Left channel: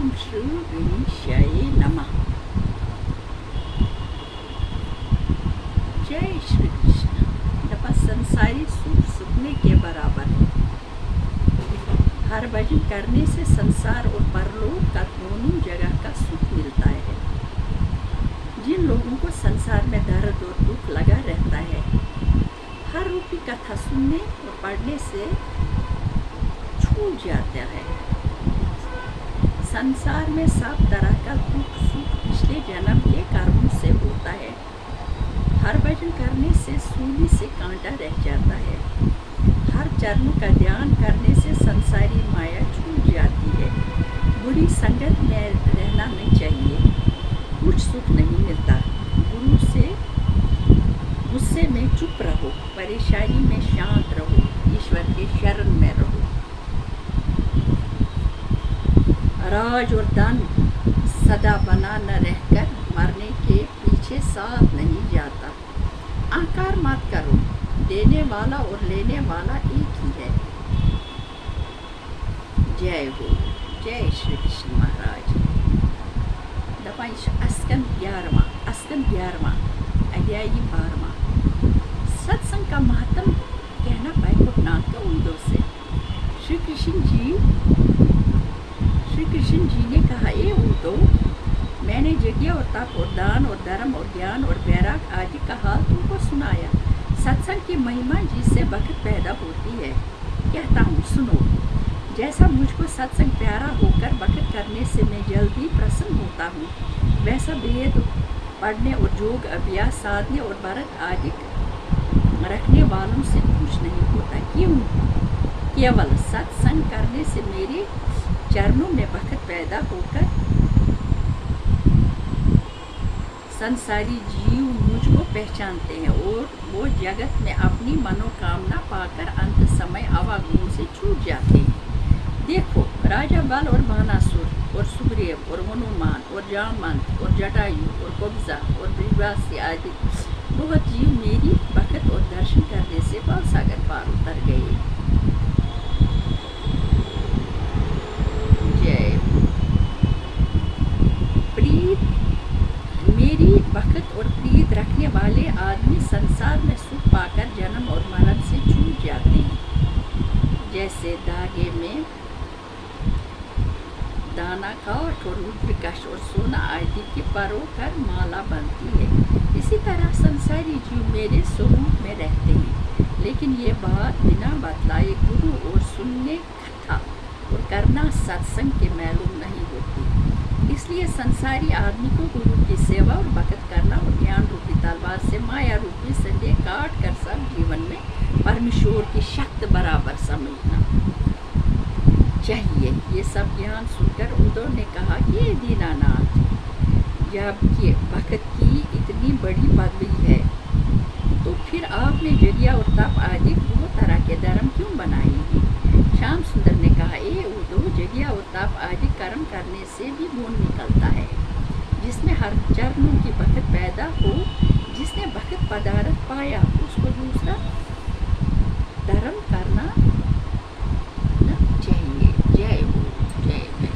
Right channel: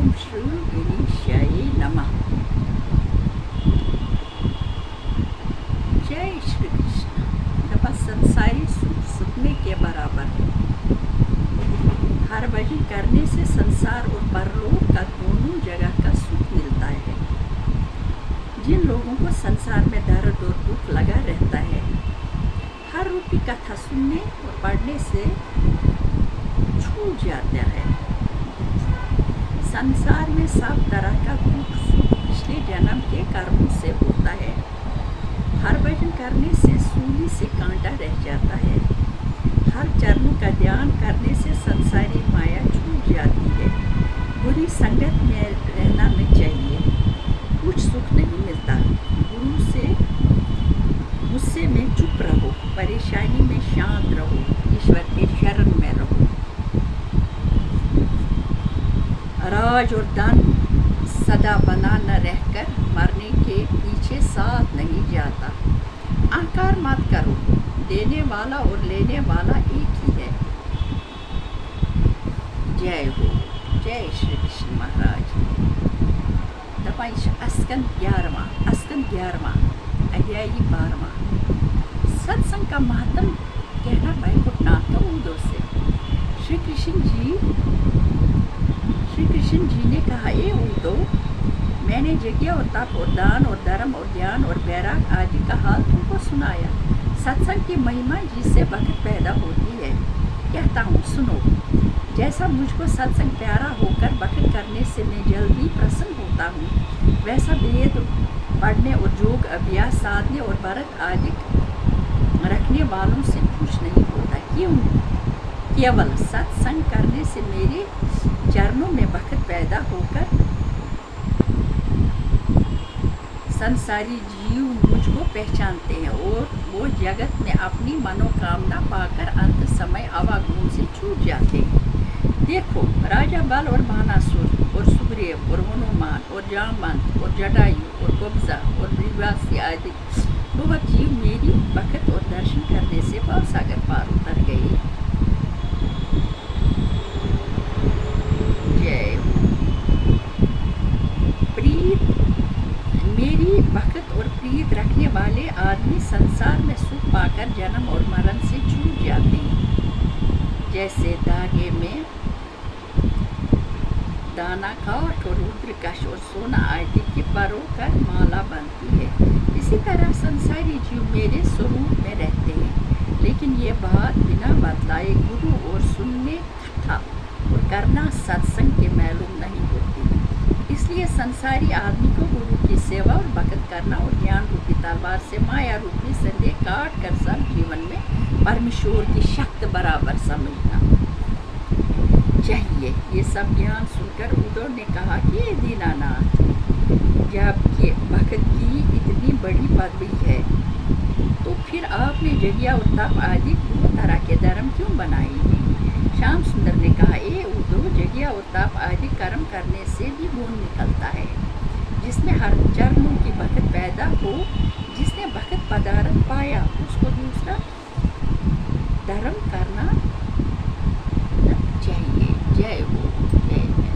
ओम श्री गणेशाय नमः। जय श्री कृष्ण। नमः। संसारी सुख सुखने के बराबर है। हर भजन करने से संसार और परलोक का दोनों जगह का सुख मिलता है। जिन लोगों को संसार में दर्द और दुख लगा रहता है, हर रूपी कथा सुनने और पढ़ने से छूट जाता है। संसार में सब तरह का दुख सुख पिछले जन्म के कर्मों से होता है। हर भजन करने से सूली से कांटा रह जाता है। हर चरणों का ध्यान करने से संसारी माया छूट जाती है। बुरी संगत में रहना नहीं चाहिए, कुछ सुख नहीं मिलता। गुरु से गुस्से में चुप रहो, परेशानी में शांत रहो, ईश्वर के शरण में रहो। राज और धन सदा बना न रहकर मरने के पीछे साथ नहीं जाता। अहंकार मत करो, देने वाला और लेने वाला एक ही है। जय हो। जय श्री कृष्ण महाराज। स्कंद 11वां अध्याय 12वां। सत्संग का महत्व कहना पाए गुरुनाथ का उदो से। श्री कृष्ण जी ने कहा, ए उदो, मैंने यज्ञ और तप और दान और धर्म और ज्ञान और वैराग आदि का हाल तुमको सुनाया। सत्संग की महिमा जिससे भक्त पैदा होती है। कहता हूँ, सुनो। जैसा मुझको सत्संग प्यारा होकर भक्त करने से मैं जल्दी प्रसन्न होता हूँ, वैसा वेद पढ़ने और योग अभ्यास साधने और व्रत आदि रखने वालों से खुश नहीं होता। क्यों? केवल सत्संग करने से मेरे चरणों में भक्त पैदा होकर संसारी जीव मुझको पहचानते हैं और वो जगत में अपनी मनोकामना पाकर अंत समय आवागमन से छूट जाते हैं। देखो, राजा बल और भानासुर और सुग्रीव और हनुमान और जामवंत और जटायु और कब्जा और ब्रिवासी आदि बहुत जीव मेरी भक्त और दर्शन करने से भवसागर पार उतर गए। जय हो। प्रीत मेरी भक्त और प्रीत रखने वाले आदमी संसार में सुख पाकर जन्म और मरण से छूट जाते हैं। जैसे धागे में दाना काठ और रुद्रकश और सोना आदि की परोकर माला बनती है, इसी तरह संसारी जीव मेरे स्वरूप में रहते हैं, लेकिन ये बात बिना बतलाए गुरु और सुनने कथा और करना सत्संग के मालूम नहीं होती। इसलिए संसारी आदमी को गुरु की सेवा और भक्त करना और ज्ञान रूपी तलवार से माया रूपी संदेह काट कर सब जीवन में परमेश्वर की शक्ति बराबर समझना चाहिए। ये सब ज्ञान सुनकर उद्धव ने कहा कि दीनानाथ, जबकि भक्त की इतनी बड़ी पदवी है, तो फिर आपने यज्ञ और तप आदि दो तरह के धर्म क्यों बनाए हैं? श्याम सुंदर ने कहा, ए उद्धव, यज्ञ और तप आदि कर्म करने से भी गुण निकलता है, जिसमें हर चरणों की भक्त पैदा हो। जिसने भक्त पदार्थ पाया, उसको दूसरा धर्म करना चाहिए। जय हो।